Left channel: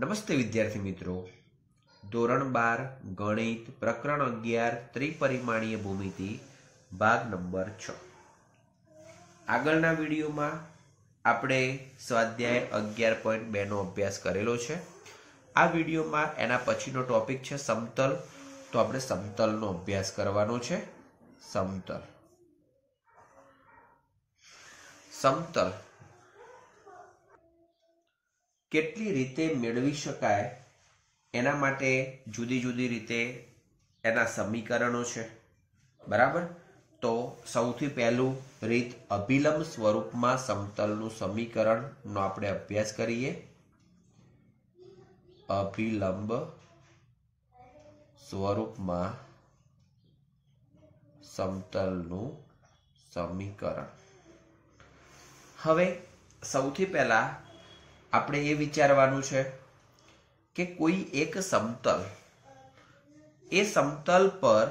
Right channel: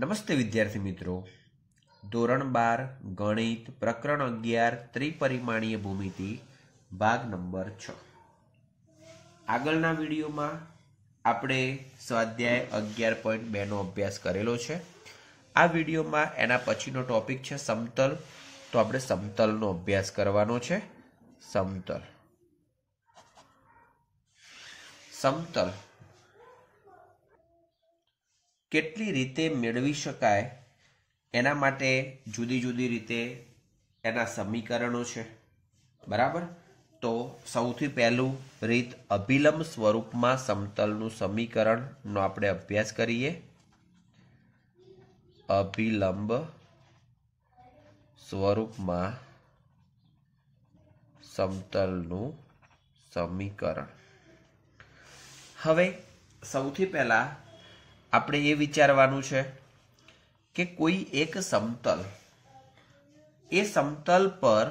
નમસ્તે વિદ્યાર્થી મિત્રો, ધોરણ 12 ગણિત પ્રકરણ 11 ત્રિપરિમાણીય ભૂમિતિ ભાગ નંબર 6. આગળના વિડીયોમાં આપણે સ્વાધ્યાય 11.2 નો અભ્યાસ કરેલો છે. આ વિડીયોમાં એના પછીનો ટોપિક છે સમતલ. તો આપણે સમતલનો અભ્યાસ કરવાનો છે. સમતલ કેટલી રીતે મેળવી શકાય એના માટે જુદી જુદી રીતે એના સમીકરણો છે, બરાબર. તો સૌથી પહેલું રીત અભિલંબ સ્વરૂપમાં સમતલનું સમીકરણનો આપણે અભ્યાસ કરીએ. અભિલંબ સ્વરૂપમાં સમતલનું સમીકરણ. હવે સૌથી પહેલા આપણે એ વિચારવાનું છે કે કોઈ એક સમતલ, એ સમતલ પર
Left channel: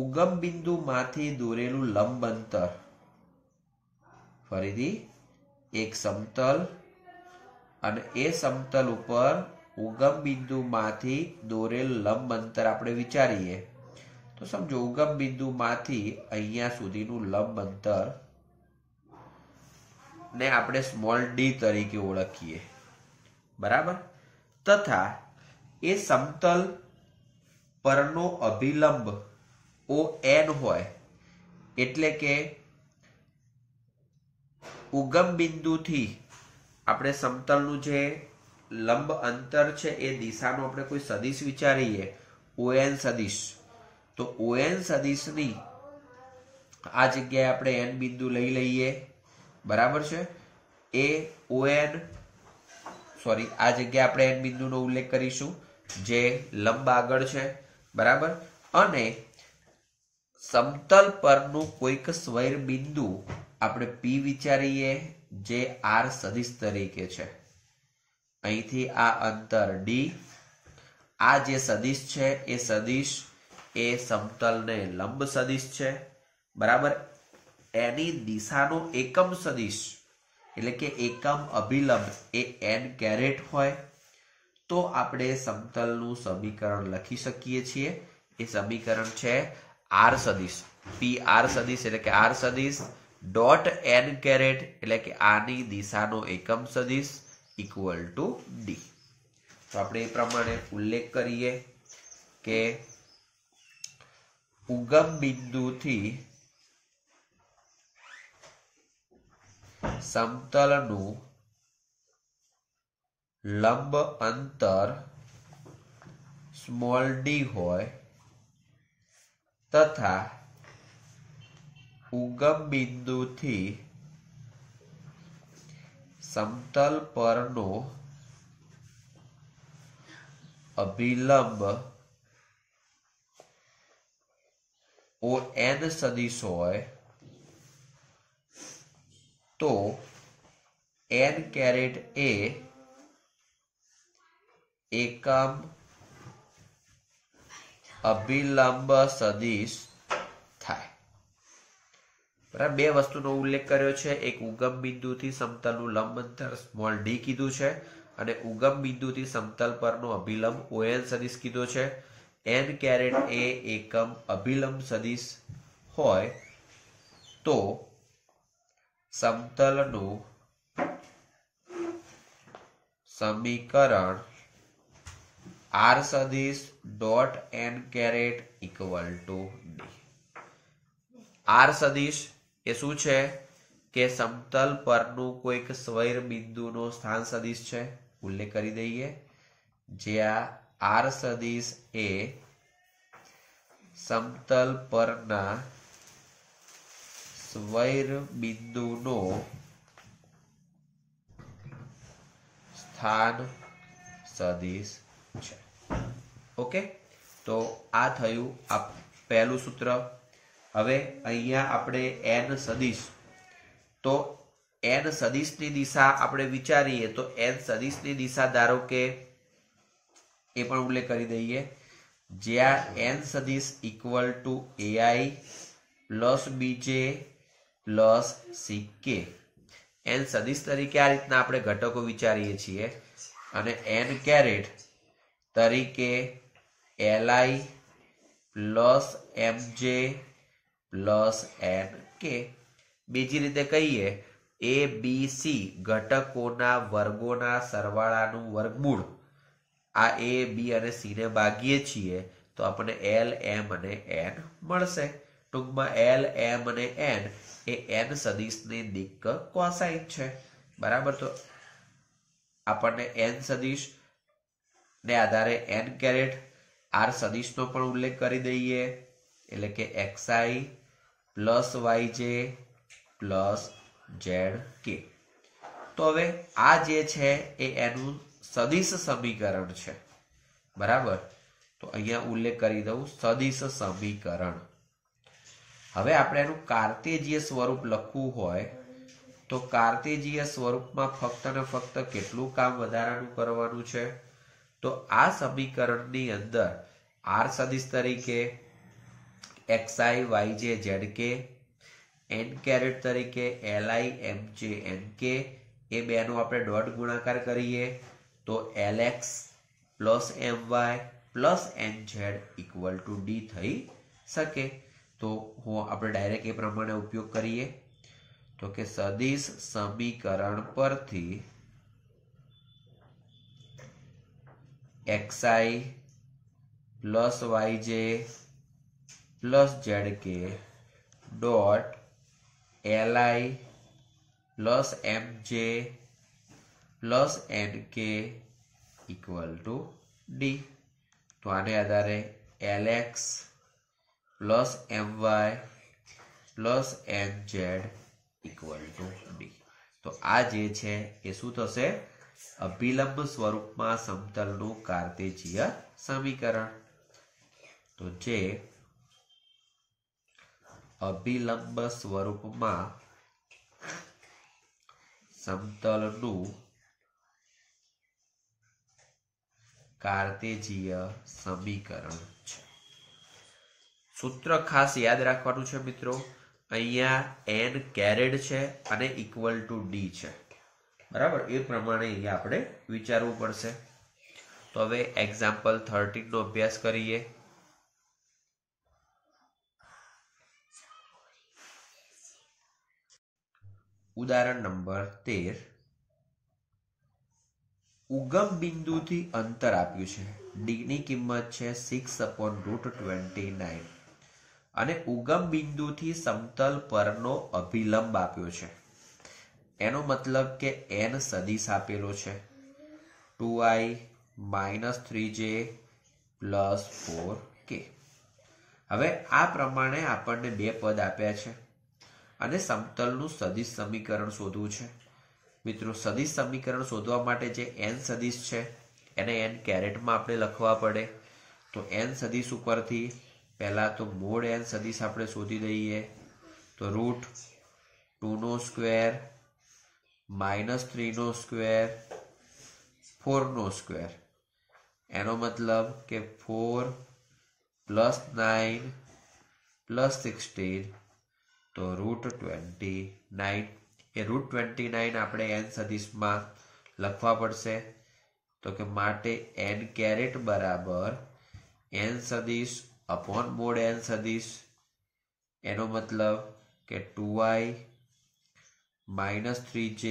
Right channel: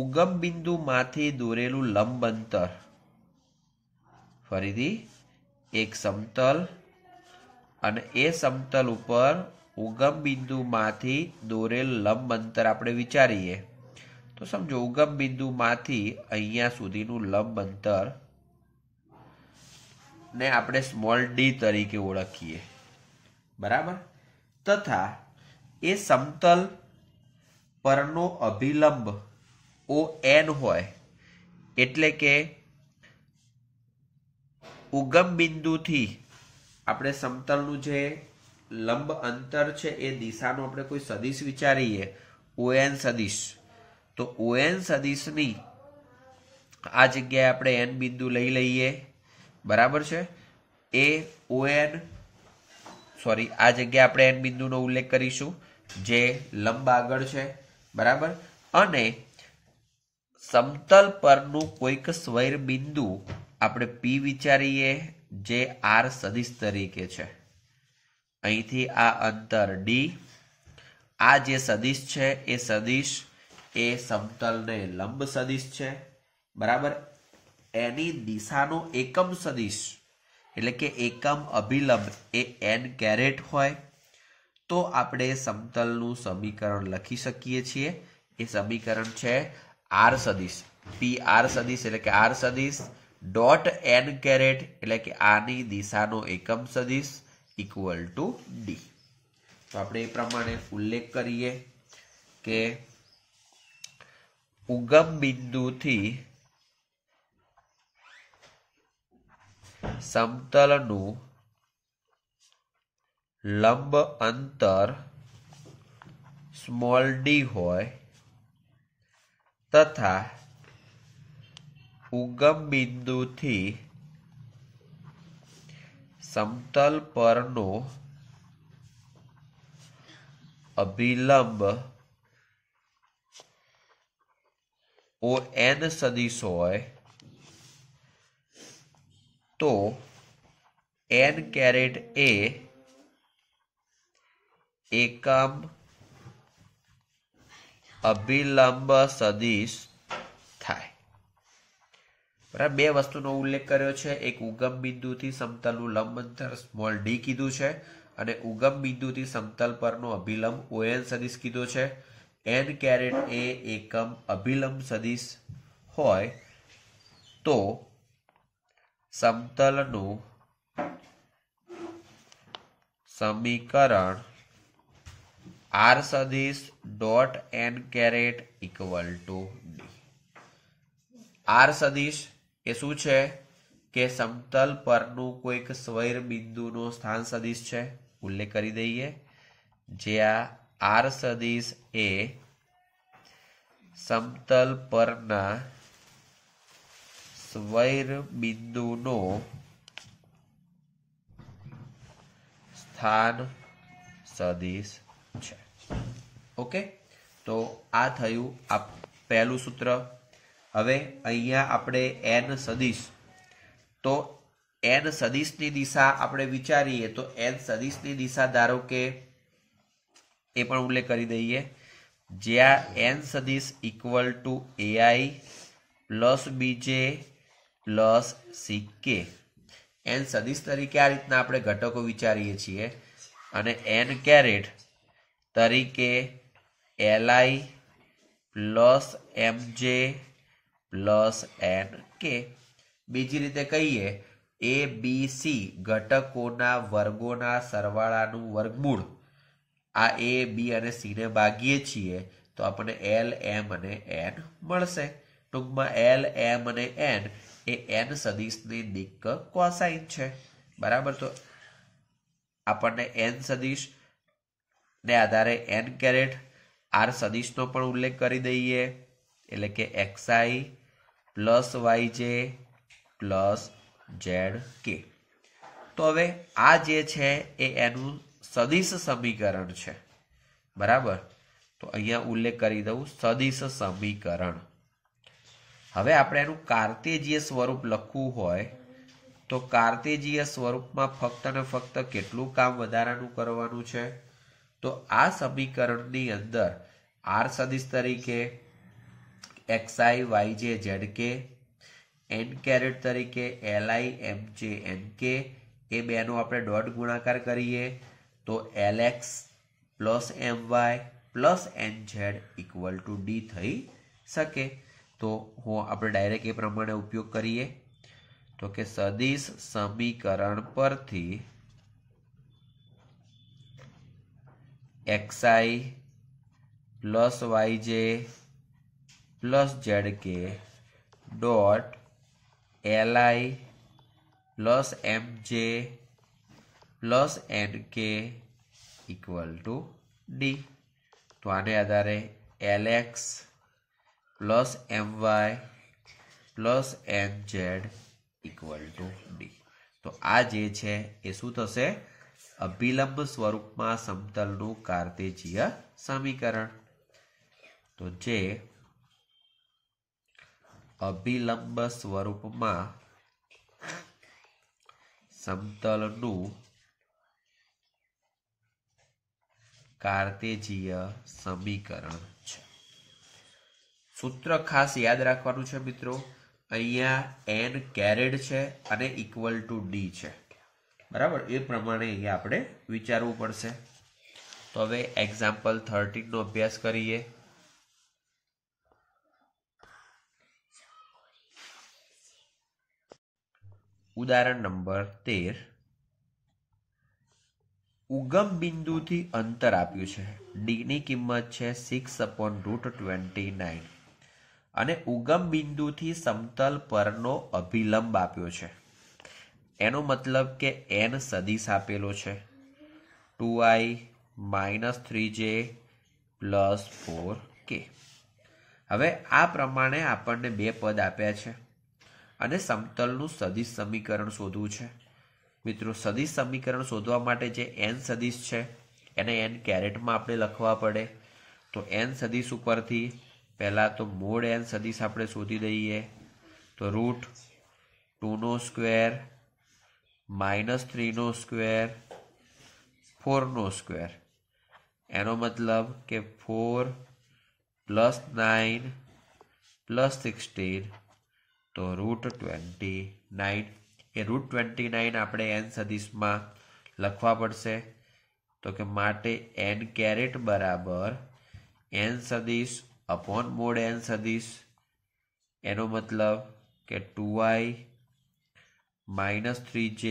ઉગમ બિંદુમાંથી દોરેલું લંબ અંતર, ફરીથી એક સમતલ અને એ સમતલ ઉપર ઉગમ બિંદુમાંથી દોરેલ લંબ અંતર આપણે વિચારીએ તો સમજો ઉગમ બિંદુમાંથી અહીંયા સુધીનું લંબ અંતર ને આપણે સ્મોલ ડી તરીકે ઓળખીએ, બરાબર. તથા એ સમતલ પરનો અભિલંબ ON હોય, એટલે કે ઉગમ બિંદુથી આપણે સમતલનું જે લંબ અંતર છે એ દિશાનો આપણે કોઈ સદિશ વિચારીએ, ON સદિશ. તો ON સદિશની આ જગ્યાએ આપણે n બિંદુ લઈ લઈએ, બરાબર છે. એ ON આ જગ્યાએ આપણે n બિંદુનો ઉલ્લેખ કરીશું જે લંબ આગળ છે, બરાબર. અને સમતલ પરનું કોઈક સ્વૈર બિંદુ આપણે P વિચારીએ જે R સદિશ તરીકે છે. અહીંથી આ અંતર D, આ જે સદિશ છે એ સદિશ એ સમતલને લંબ સદિશ છે, બરાબર. એની દિશાનો એકમ સદિશ એટલે કે એકમ અભિલંબ એ n કેરેટ હોય તો આપણે સમતલનું સમીકરણ લખી શકીએ છીએ. એ સમીકરણ છે R સદિશ, PR સદિશ એટલે કે R સદિશ ડોટ n કેરેટ એટલે કે આની દિશાનો એકમ સદિશ ઇક્વલ ટુ D. તો આપણે એ પ્રમાણે ઉલ્લેખ કરીએ કે ઉગમ બિંદુથી સમતલનું લંબ અંતર સ્મોલ ડી હોય તથા ઉગમ બિંદુથી સમતલ પરનો અભિલંબ ON સદિશ હોય તો n કેરેટ એ એકમ અભિલંબ સદિશ થાય, બરાબર. બે વસ્તુનો ઉલ્લેખ કર્યો છે. એક ઉગમ બિંદુથી સમતલનું લંબ અંતર સ્મોલ d કીધું છે અને ઉગમ બિંદુથી સમતલ પરનો અભિલંબ ON સદિશ કીધો છે. n કેરેટ એ એકમ અભિલંબ સદિશ હોય તો સમતલનું સમીકરણ R સદિશ dot n caret equal to D. R સદિશ એ શું છે કે સમતલ પરનું કોઈક સ્વૈર બિંદુનો સ્થાન સદિશ છે, ઉલ્લેખ કરી દઈએ. જ્યાં R સદિશ એ સમતલ પરના સ્વૈર બિંદુનો સ્થાન સદિશ છે. ઓકે, તો આ થયું આ પહેલું સૂત્ર. હવે અહીંયા આપણે n સદિશ, તો n સદિશની દિશા આપણે વિચારીએ તો n સદિશની દિશા ધારો કે એ પણ ઉલ્લેખ કરી દઈએ જ્યાં n સદિશ equal to AI plus BJ plus CK. n સદિશ તરીકે આ રીતના આપણે ઘટકો વિચારીએ છીએ અને n કેરેટ તરીકે li plus mj plus nk. બીજી રીતે કહીએ a b c ઘટકોના વર્ગોના સરવાળાનું વર્ગમૂળ. આ a b અને c ને ભાગીએ છીએ તો આપણને l m અને n મળશે. ટૂંકમાં l m અને n એ n સદિશની દિક્ક કોસાઇન છે. બરાબર. તો આપણને n સદિશ ને આધારે n કેરેટ r સદિશનો પણ ઉલ્લેખ કરી દઈએ, એટલે કે xi plus yj plus zk. તો હવે આ જે છે એ એનું સદિશ સમીકરણ છે. બરાબર. તો અહીંયા ઉલ્લેખ કરી દઉં સદિશ સમીકરણ. હવે આપણે એનું કાર્તેજીય સ્વરૂપ લખવું હોય તો કાર્તેજીય સ્વરૂપમાં ફક્ત ને ફક્ત કેટલું કામ વધારાનું કરવાનું છે? તો આ સમીકરણની અંદર r સદિશ તરીકે xi yj zk, n કેરેટ તરીકે li mj nk એ બેનો આપણે ડોટ ગુણાકાર કરીએ તો lx plus my plus nz equal to d થઈ શકે. તો આપણે ડાયરેક્ટ એ પ્રમાણે ઉપયોગ કરીએ તો કે સદિશ સમીકરણ પરથી xi plus yj plus zk dot li plus mj plus nk equal to d. તો આને આધારે lx plus my plus nz equal to d. તો આ જે છે એ શું થશે? અભિલંબ સ્વરૂપમાં સમતલનું કાર્તેજીય સમીકરણ. તો જે અભિલંબ સ્વરૂપમાં સમતલનું કાર્તેજીય સમીકરણ છે. સૂત્ર ખાસ યાદ રાખવાનું છે મિત્રો. અહીંયા n કેરેટ છે અને ઇક્વલ ટુ d છે. બરાબર. એ પ્રમાણે અહીંયા આપણે વિચારવું પડશે. તો હવે એક્ઝામ્પલ 13 નો અભ્યાસ કરીએ. ઉદાહરણ નંબર 13. ઉગમ બિંદુથી અંતર આપ્યું છે. d ની કિંમત છે 6/29 અને ઉગમ બિંદુથી સમતલ પરનો અભિલંબ આપ્યો છે. એનો મતલબ કે n સદિશ આપેલો છે 2i minus 3j plus 4k. હવે આ પ્રમાણે આપણને બે પદ આપ્યા છે અને સમતલનું સદિશ સમીકરણ શોધવું છે. મિત્રો, સદિશ સમીકરણ શોધવા માટે જે n સદિશ છે એને n કેરેટમાં આપણે લખવા પડે. તો n સદિશ ઉપરથી પહેલા તો મોડ n સદિશ આપણે શોધી દઈએ. તો રૂટ 2 નો સ્ક્વેર માઇનસ 3 નો સ્ક્વેર 4 નો સ્ક્વેર. એનો મતલબ કે 4 પ્લસ 9 પ્લસ 16 તો રૂટ 29. એ રૂટ 29 આપણે n સદિશમાં લખવા પડશે. તો કે માટે n કેરેટ બરાબર n સદિશ અપોન મોડ n સદિશ. એનો મતલબ કે 2i minus 3j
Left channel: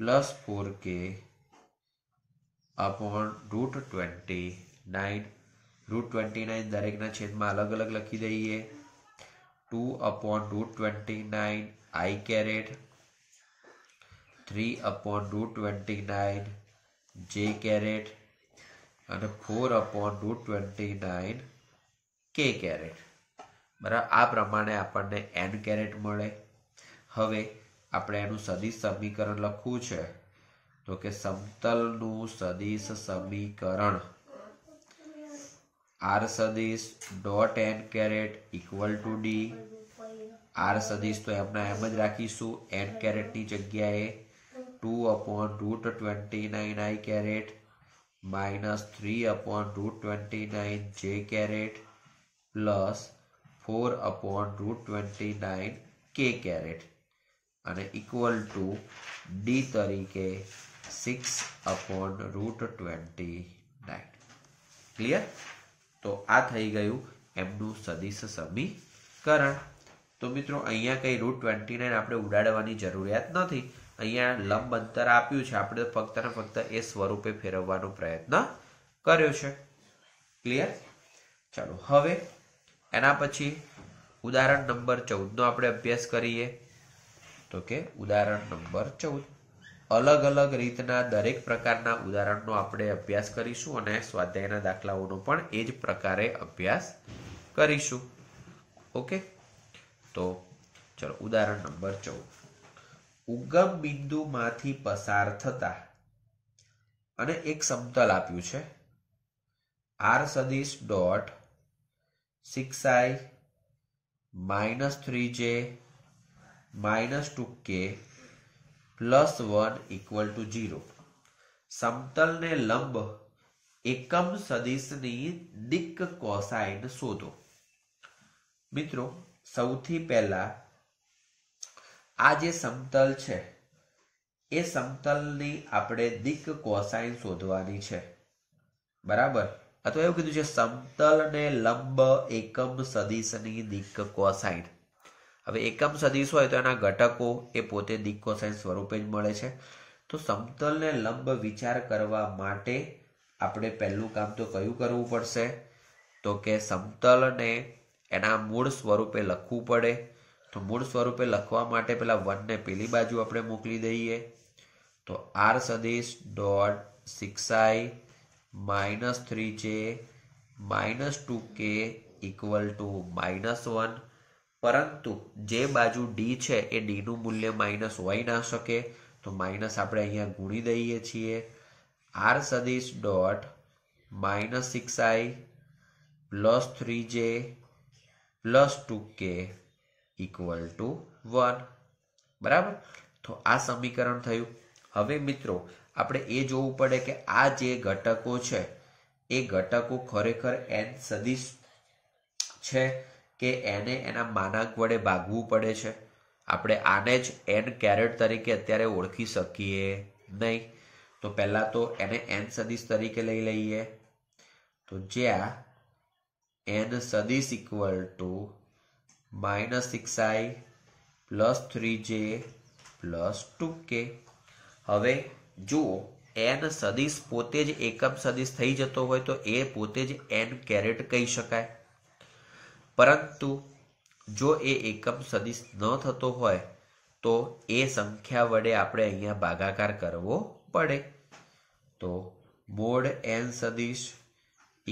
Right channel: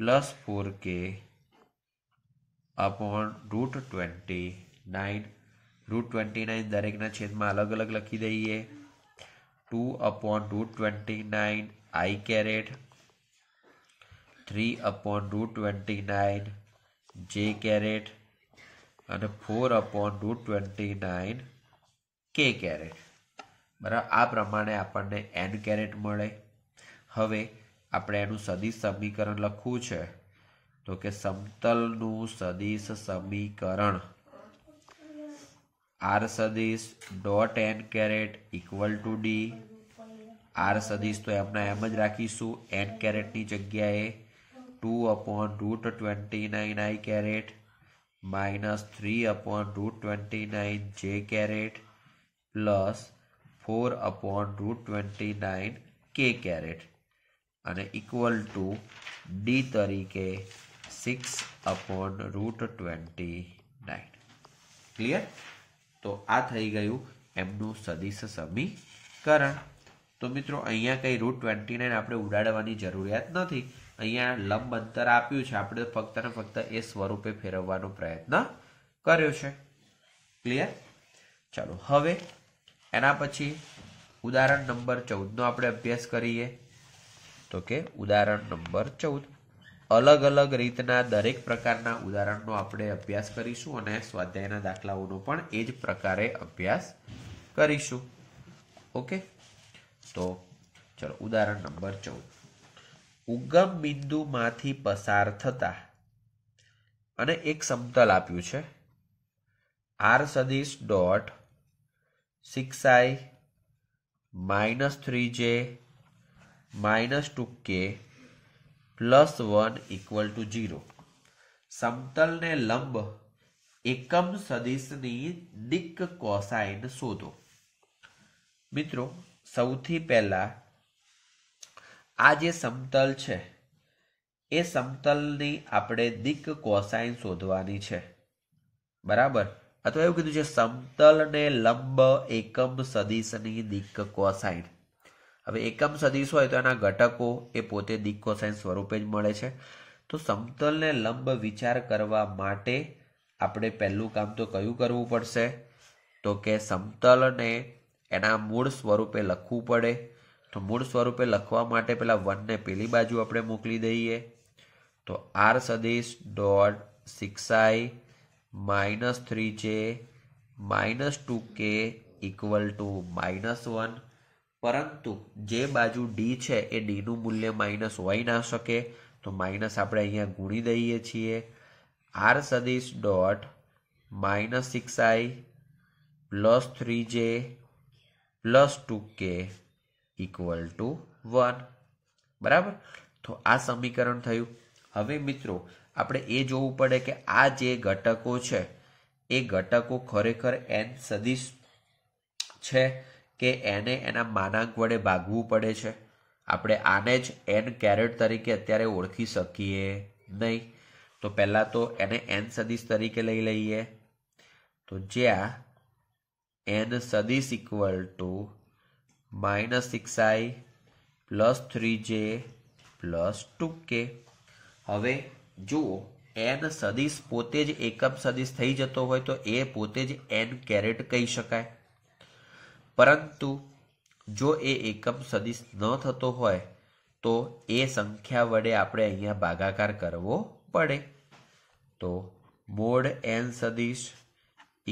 plus 4k upon root 29. Root 29 દરેકના છેદમાં અલગ અલગ લખી દઈએ. 2 upon root 29 i caret, 3 upon root 29 j caret અને 4 અપોન રૂટ 29 k કેરેટ. બરાબર. આ પ્રમાણે આપણને n કેરેટ મળે. હવે આપણે એનું સદિશ સમીકરણ લખવું છે. તો કે સમતલનું સદિશ સમીકરણ r સદિશ dot n caret equal to d. r સદિશ તો એમના એમ જ રાખીશું n કેરેટની જગ્યાએ. 2 upon root 29 i caret minus 3 upon root 29 j caret plus 4 upon root 29 k caret અને ઇક્વલ ટુ d તરીકે 6/√29. ક્લિયર? તો આ થઈ ગયું એમનું સદિશ સમીકરણ. તો મિત્રો અહીંયા કઈ √29 આપણે ઉડાડવાની જરૂરિયાત નથી. અહીંયા લંબ અંતર આપ્યું છે, આપણે ફક્ત ને ફક્ત એ સ્વરૂપે ફેરવવાનો પ્રયત્ન કર્યો છે. ક્લિયર? ચાલો હવે એના પછી ઉદાહરણ નંબર 14 નો આપણે અભ્યાસ કરીએ. તો કે ઉદાહરણ નંબર 14 અલગ અલગ રીતના દરેક પ્રકારના ઉદાહરણનો આપણે અભ્યાસ કરીશું અને સ્વાધ્યાયના દાખલાઓનો પણ એ જ પ્રકારે અભ્યાસ કરીશું. ઓકે, તો ચલો ઉદાહરણ નંબર 14. ઉગમ બિંદુમાંથી પસાર થતા અને એક સમતલ આપ્યું છે r સદિશ ડોટ 6i -3j -2k +1 = 0. સમતલને લંબ એકમ સદિશની દિક્ક કોસાઇન શોધો. મિત્રો સૌથી પહેલા આ જે સમતલ છે એ સમતલની આપણે દિક્ક કોસાઇન શોધવાની છે. બરાબર? અથવા એવું કીધું છે સમતલને લંબ એકમ સદિશની દિક્ક કોસાઇન. હવે એકમ સદિશ હોય તો એના ઘટકો એ પોતે દિક્ક કોસાઇન સ્વરૂપે જ મળે છે. તો સમતલને લંબ વિચાર કરવા માટે આપણે પહેલું કામ તો કયું કરવું પડશે? તો કે સમતલને એના મૂળ સ્વરૂપે લખવું પડે. તો મૂળ સ્વરૂપે લખવા માટે પેલા 1 ને પેલી બાજુ આપણે મોકલી દઈએ. તો r સદિશ ડોટ 6i -3j -2k = -1. પરંતુ જે બાજુ ડી છે એ ડી નું મૂલ્ય માઇનસ હોઈ ના શકે, તો માઇનસ આપણે અહીંયા ગુણી દઈએ છીએ. r સદિશ ડોટ -6i +3j +2k = 1. બરાબર? તો આ સમીકરણ થયું. હવે મિત્રો આપણે એ જોવું પડે કે આ જે ઘટકો છે એ ઘટકો ખરેખર n સદિશ છે કે એને એના માનાંક વડે ભાગવું પડે છે. આપણે આને જ n કેરેટ તરીકે અત્યારે ઓળખી શકીએ નહીં. તો પહેલા તો એને n સદિશ તરીકે લઈ લઈએ. તો જ્યાં n સદિશ = -6i +3j +2k. હવે જુઓ n સદિશ પોતે જ એકમ સદિશ થઈ જતો હોય તો એ પોતે જ n કેરેટ કહી શકાય. પરંતુ જો એ એકમ સદિશ ન થતો હોય તો એ સંખ્યા વડે આપણે અહીંયા ભાગાકાર કરવો પડે. તો મોડ n સદિશ =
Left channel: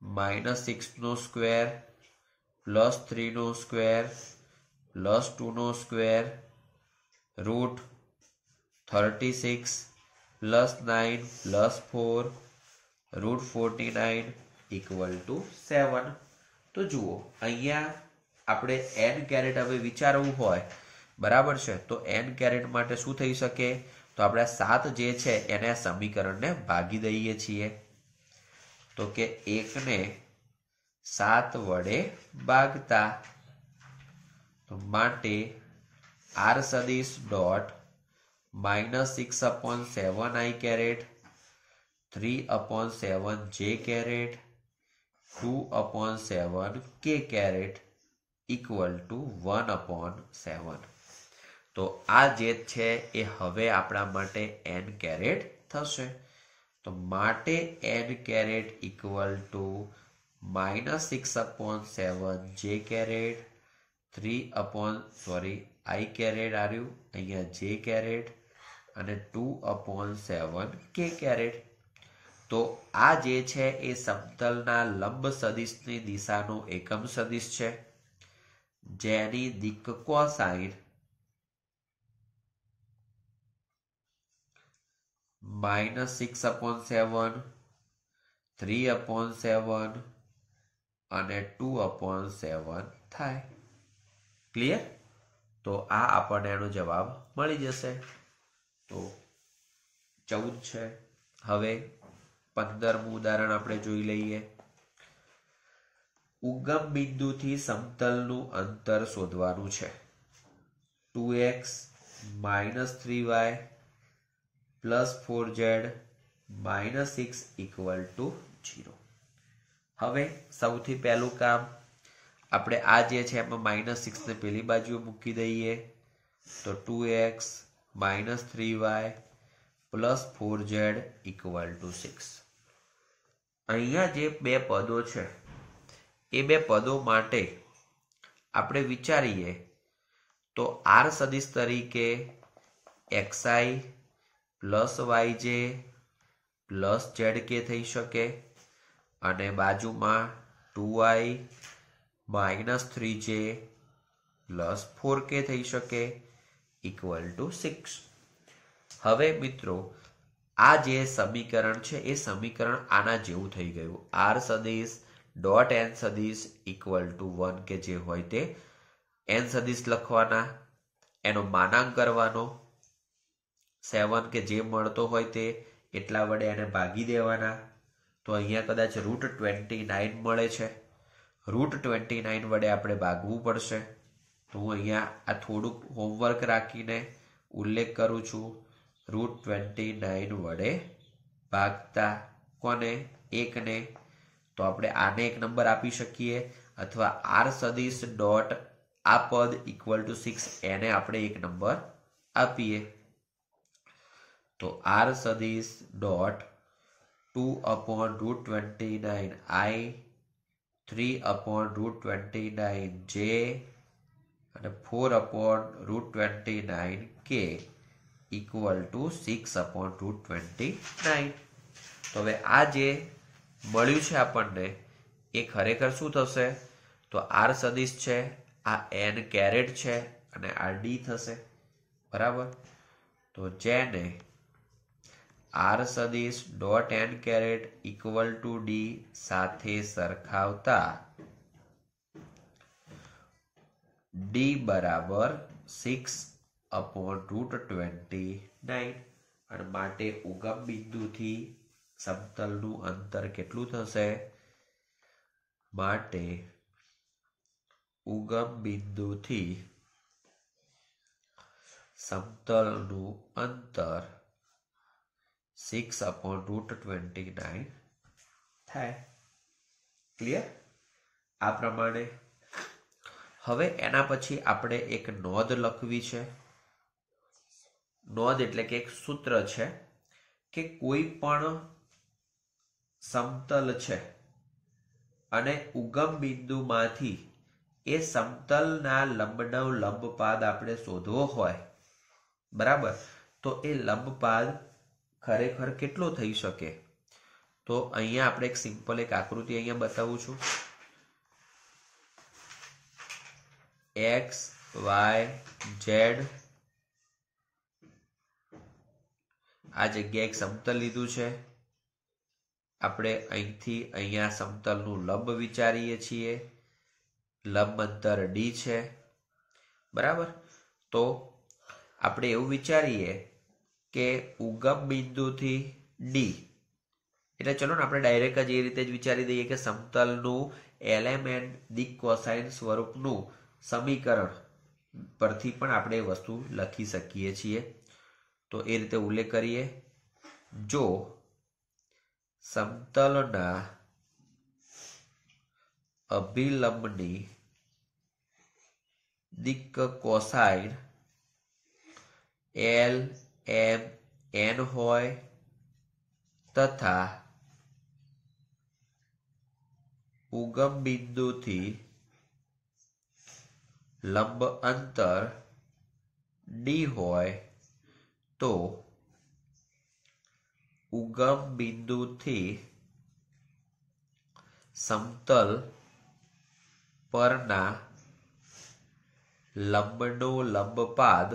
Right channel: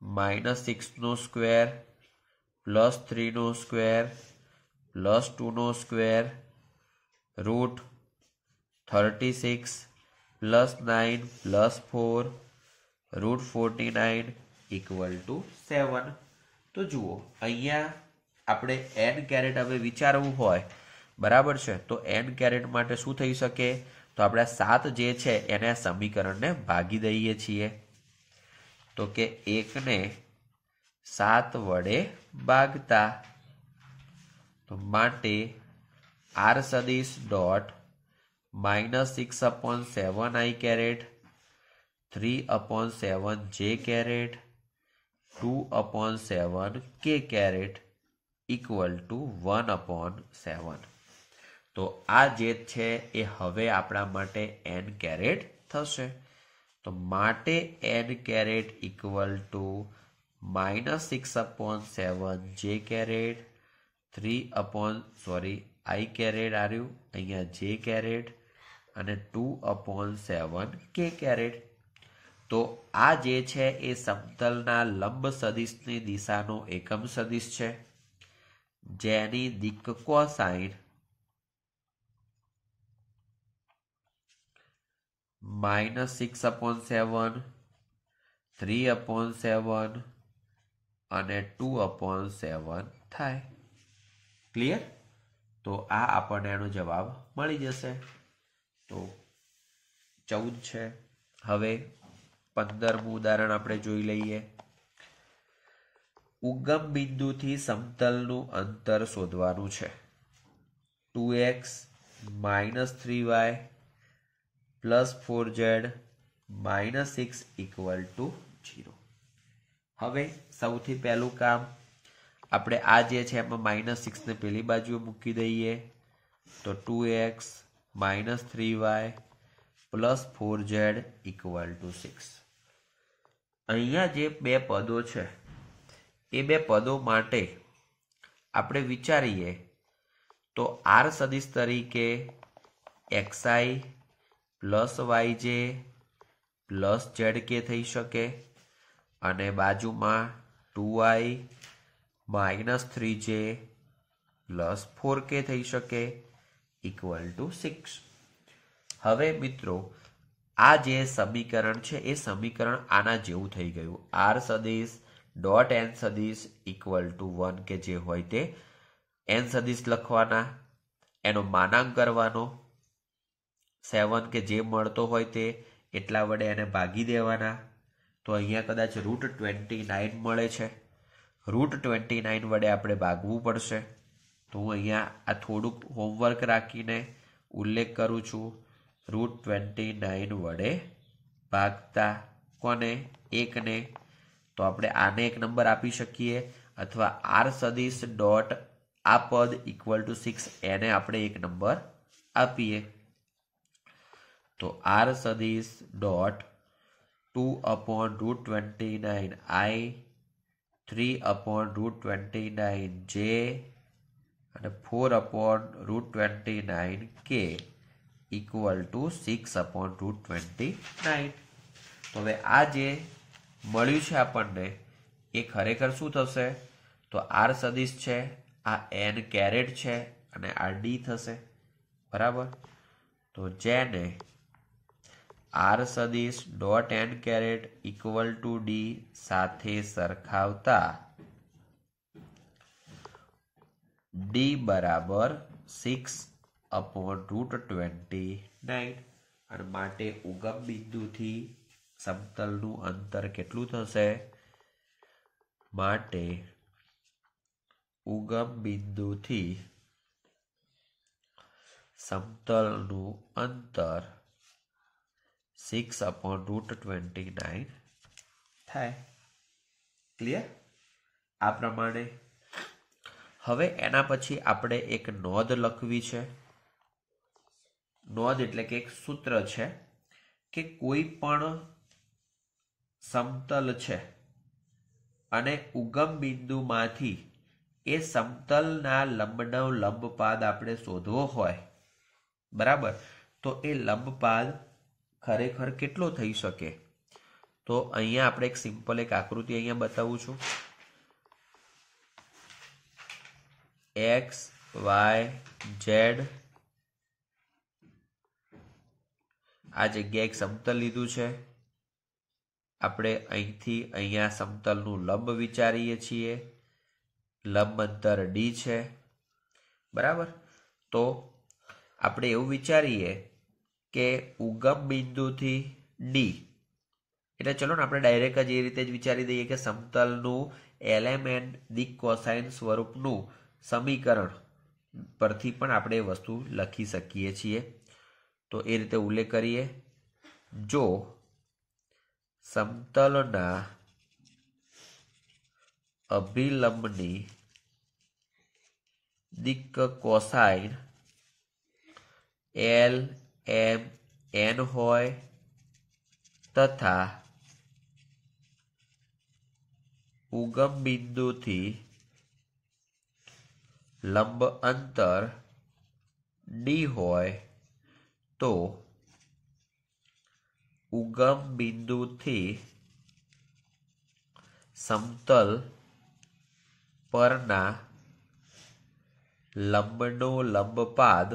-6 નો સ્ક્વેર +3 નો સ્ક્વેર +2 નો સ્ક્વેર √36 +9 +4 √49 = 7. તો જુઓ અહીંયા આપણે n કેરેટ હવે વિચારવું હોય, બરાબર છે, તો n કેરેટ માટે શું થઈ શકે? તો આપણે 7 જે છે એને આ સમીકરણને ભાગી દઈએ છીએ. તો કે 1 ને 7 વડે ભાગતા. તો માટે r સદિશ dot -6/7i caret 3/7j caret 2/7k caret = 1/7. તો આ જે છે એ હવે આપણા માટે n કેરેટ થશે. તો માટે n caret = -6/7j caret i caret આવ્યું અહીંયા j કેરેટ અને 2/7k કેરેટ. તો આ જે છે એ સમતલના લંબ સદિશની દિશાનો એકમ સદિશ છે જેની દિક્ક કોસાઇન -6/7 3/7 અને 2/7 થાય. ક્લિયર? તો આ આપણને એનો જવાબ મળી જશે. તો 14 છે. હવે 15મું ઉદાહરણ આપણે જોઈ લઈએ. ઉગમ બિંદુથી સમતલનું અંતર શોધવાનું છે. 2x -3y plus 4z minus 6 equal to 0. હવે સૌથી પહેલું કામ આપણે આ જે છે એમાં માઇનસ 6 ને પેલી બાજુ મૂકી દઈએ તો 2x minus 3y plus 4z equal to 6. અહીંયા જે બે પદો છે એ બે પદો માટે આપણે વિચારીએ તો આર સદિશ તરીકે xi plus yj plus zk થઈ શકે અને બાજુમાં 2i minus 3j plus 4k થઈ શકે ઇક્વલ ટુ 6. હવે મિત્રો આ જે સમીકરણ છે એ સમીકરણ આના જેવું થઈ ગયું. આર સદિશ ડોટ એન સદિશ ઇક્વલ ટુ 1 કે જે હોય તે એન સદિશ લખવાના, એનો માનાંક કરવાનો, 7 કે જે મળતો હોય તે એટલા વડે એને ભાગી દેવાના. તો અહીંયા કદાચ √29 મળે છે. √29 વડે આપણે ભાગવું પડશે. તો હું અહીંયા આ થોડુંક હોમવર્ક રાખીને ઉલ્લેખ કરું છું. √29 વડે ભાગતા કોને? 1 ને. તો આપણે આને એક નંબર આપી શકીએ અથવા આર સદિશ ડોટ આ પદ ઇક્વલ ટુ 6 એને આપણે એક નંબર આપીએ. તો આર સદિશ ડોટ 2/√29 i 3/√29 j અને 4/√29 k ઇક્વલ ટુ 6/√29. તો હવે આ જે મળ્યું છે આપણને એ ખરેખર શું થશે? તો આર સદિશ છે, આ n કેરેટ છે અને આ ડી થશે. બરાબર? તો જેને આર સદિશ dot N caret equal to D સાથે સરખાવતા ડી બરાબર 6/√29 અને માટે ઉગમ બિંદુથી સમતલનું અંતર કેટલું થશે? માટે ઉગમ બિંદુથી સમતલનું અંતર 6/√29 થાય. ક્લિયર? આ પ્રમાણે હવે એના પછી આપણે એક નોંધ લખવી છે. નોંધ એટલે કે એક સૂત્ર છે કે કોઈ પણ સમતલ છે અને ઉગમ બિંદુમાંથી એ સમતલના લંબનો લંબપાદ આપણે શોધવો હોય, બરાબર? તો એ લંબપાદ ખરેખર કેટલો થઈ શકે? તો અહીંયા આપણે એક સિમ્પલ એક આકૃતિ અહીંયા બતાવું છું. x y z આ જગ્યાએ એક સમતલ લીધું છે. આપણે અહીંથી અહીંયા સમતલનું લંબ વિચારીએ છીએ. લંબ અંતર d છે. બરાબર? તો આપણે એવું વિચારીએ કે ઉગમ બિંદુથી d એટલે ચલો ને આપણે ડાયરેક્ટ જ એ રીતે જ વિચારી દઈએ કે સમતલનું એલિમેન્ટ દિક કોસાઇન સ્વરૂપનું સમીકરણ પરથી પણ આપણે એ વસ્તુ લખી શકીએ છીએ. તો એ રીતે ઉલ્લેખ કરીએ. જો સમતલના અભિલંબની દિક કોસાઇન L M N હોય તથા ઉગમ બિંદુથી લંબ અંતર d હોય તો ઉગમ બિંદુથી સમતલ પરના લંબનો લંબપાદ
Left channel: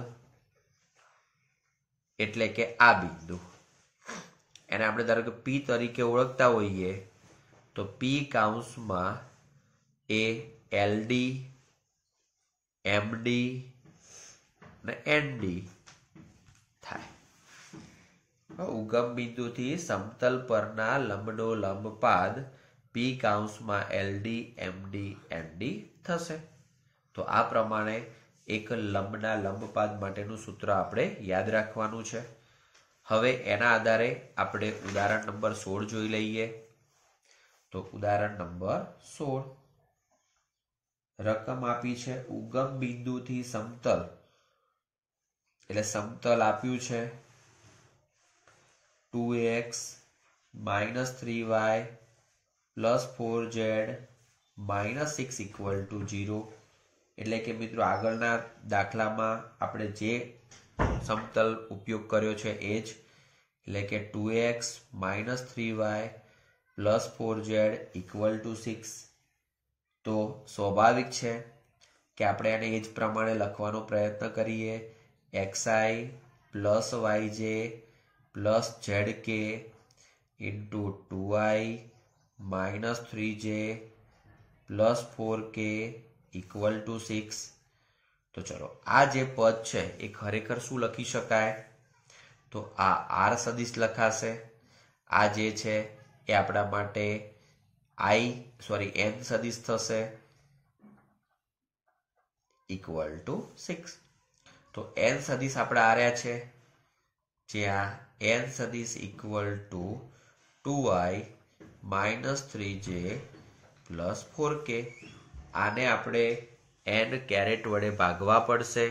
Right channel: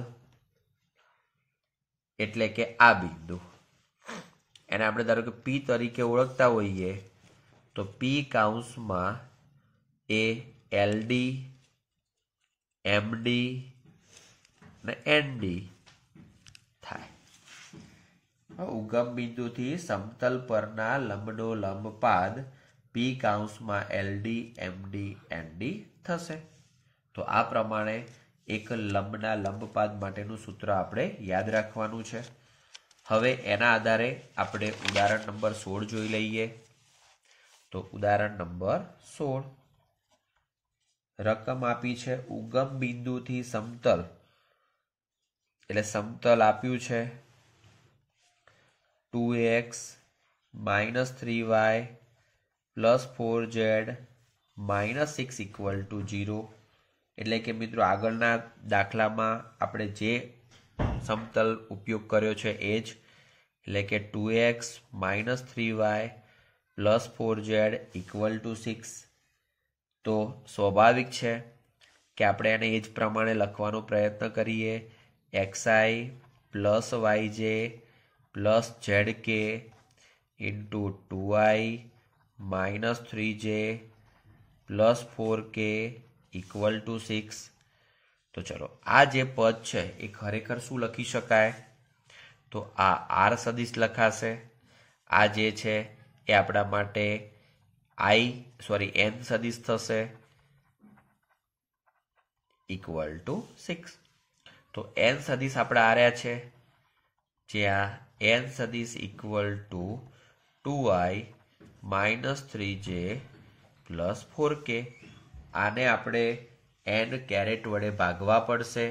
એટલે કે આ બિંદુ, એને આપણે ધારો કે P તરીકે ઓળખતા હોઈએ તો P કૌંસમાં એ LD MD અને ND થાય. ઉગમ બિંદુથી સમતલ પરના લંબનો લંબપાદ P કૌંસમાં LD MD ND થશે. તો આ પ્રમાણે એક લંબના લંબપાદ માટેનું સૂત્ર આપણે યાદ રાખવાનું છે. હવે એના આધારે આપણે ઉદાહરણ નંબર 16 જોઈ લઈએ. તો ઉદાહરણ નંબર 16, રકમ આપી છે ઉગમ બિંદુથી સમતલ, એટલે સમતલ આપ્યું છે 2x - 3y + 4z - 6 = 0. એટલે કે મિત્રો આગળના દાખલામાં આપણે જે સમતલ ઉપયોગ કર્યો છે એ જ, એટલે કે 2x - 3y + 4z = 6. તો સ્વાભાવિક છે કે આપણે એને એ જ પ્રમાણે લખવાનો પ્રયત્ન કરીએ. xi + yj + zk × 2i - 3j + 4k = 6. તો ચલો આ જે પદ છે એ ખરેખર શું લખી શકાય? તો આ આર સદિશ લખાશે. આ જે છે એ આપણા માટે n સદિશ થશે =6. તો n સદિશ આપણે આર્યા છે, જ્યાં n સદિશ = 2i - 3j + 4k. આને આપણે n કેરેટ વડે ભાગવા પડશે.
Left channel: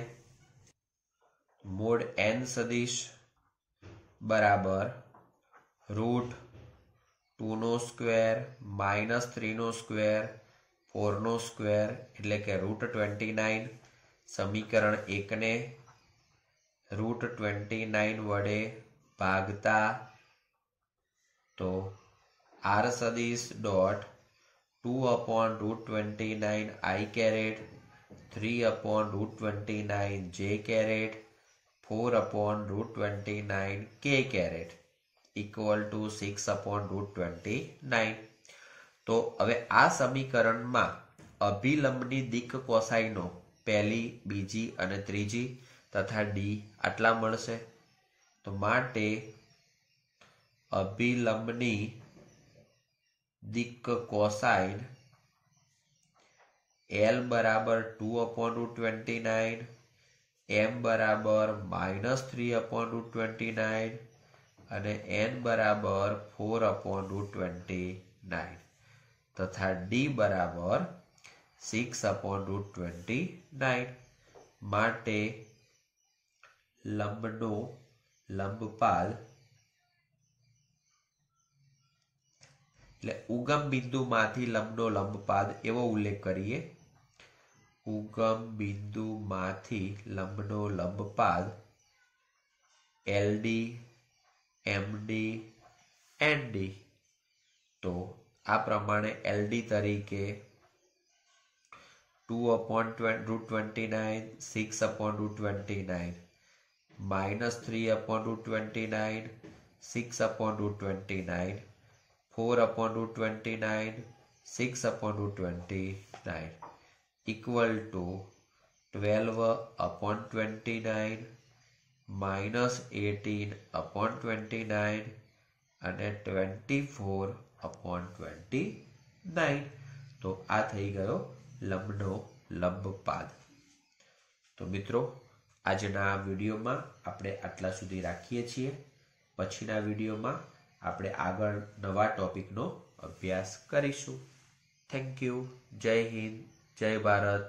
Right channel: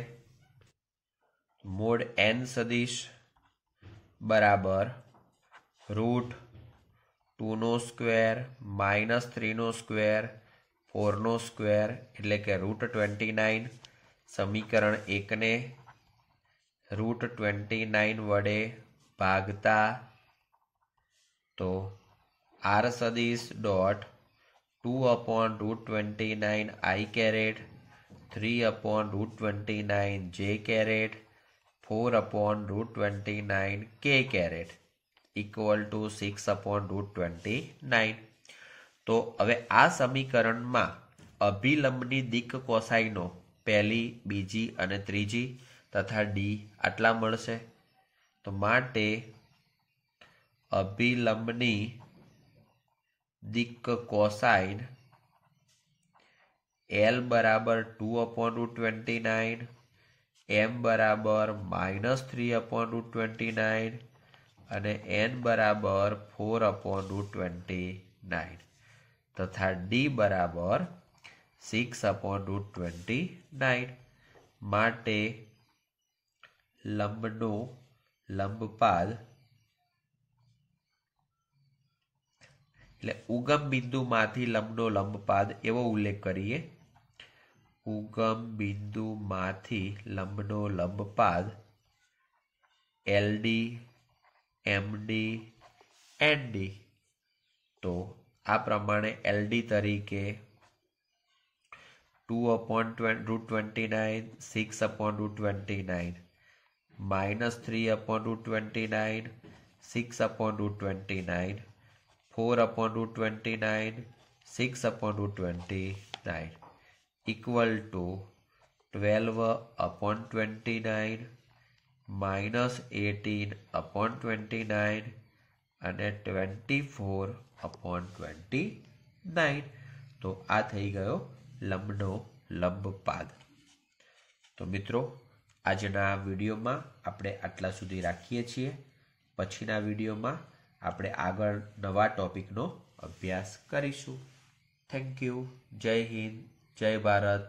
મોડ n સદિશ બરાબર √2² - 3² 4² એટલે કે √29. સમીકરણ 1 ને √29 વડે ભાગતા તો r સદિશ dot 2/√29 i caret 3/√29 j caret 4/√29 k caret = 6/√29. તો હવે આ સમીકરણમાં અભિલંબની દિક્ કોસાઈનો પહેલી, બીજી અને ત્રીજી તથા ડી આટલા મળશે. તો માટે અભિલંબની દિક્ કોસાઇન L બરાબર 2/√29, M બરાબર -3/√29 અને N બરાબર 4/√29 તથા D બરાબર 6/√29. માટે લંબનો લંબપાદ એટલે ઉગમ બિંદુમાંથી લંબનો લંબપાદ એવો ઉલ્લેખ કરીએ. ઉગમ બિંદુમાંથી લંબનો લંબપાદ LD, MD, ND. તો આ પ્રમાણે LD તરીકે 2/√29 6/√29 -3/√29 6/√29 4/√29 6/√29 = 12/29 -18/29 અને 24/29. તો આ થઈ ગયો લંબનો લંબપાદ. તો મિત્રો આજના વિડીયોમાં આપણે આટલા સુધી રાખીએ છીએ. પછીના વિડીયોમાં આપણે આગળ નવા ટોપિકનો અભ્યાસ કરીશું. Thank you. જય હિન્દ, જય ભારત.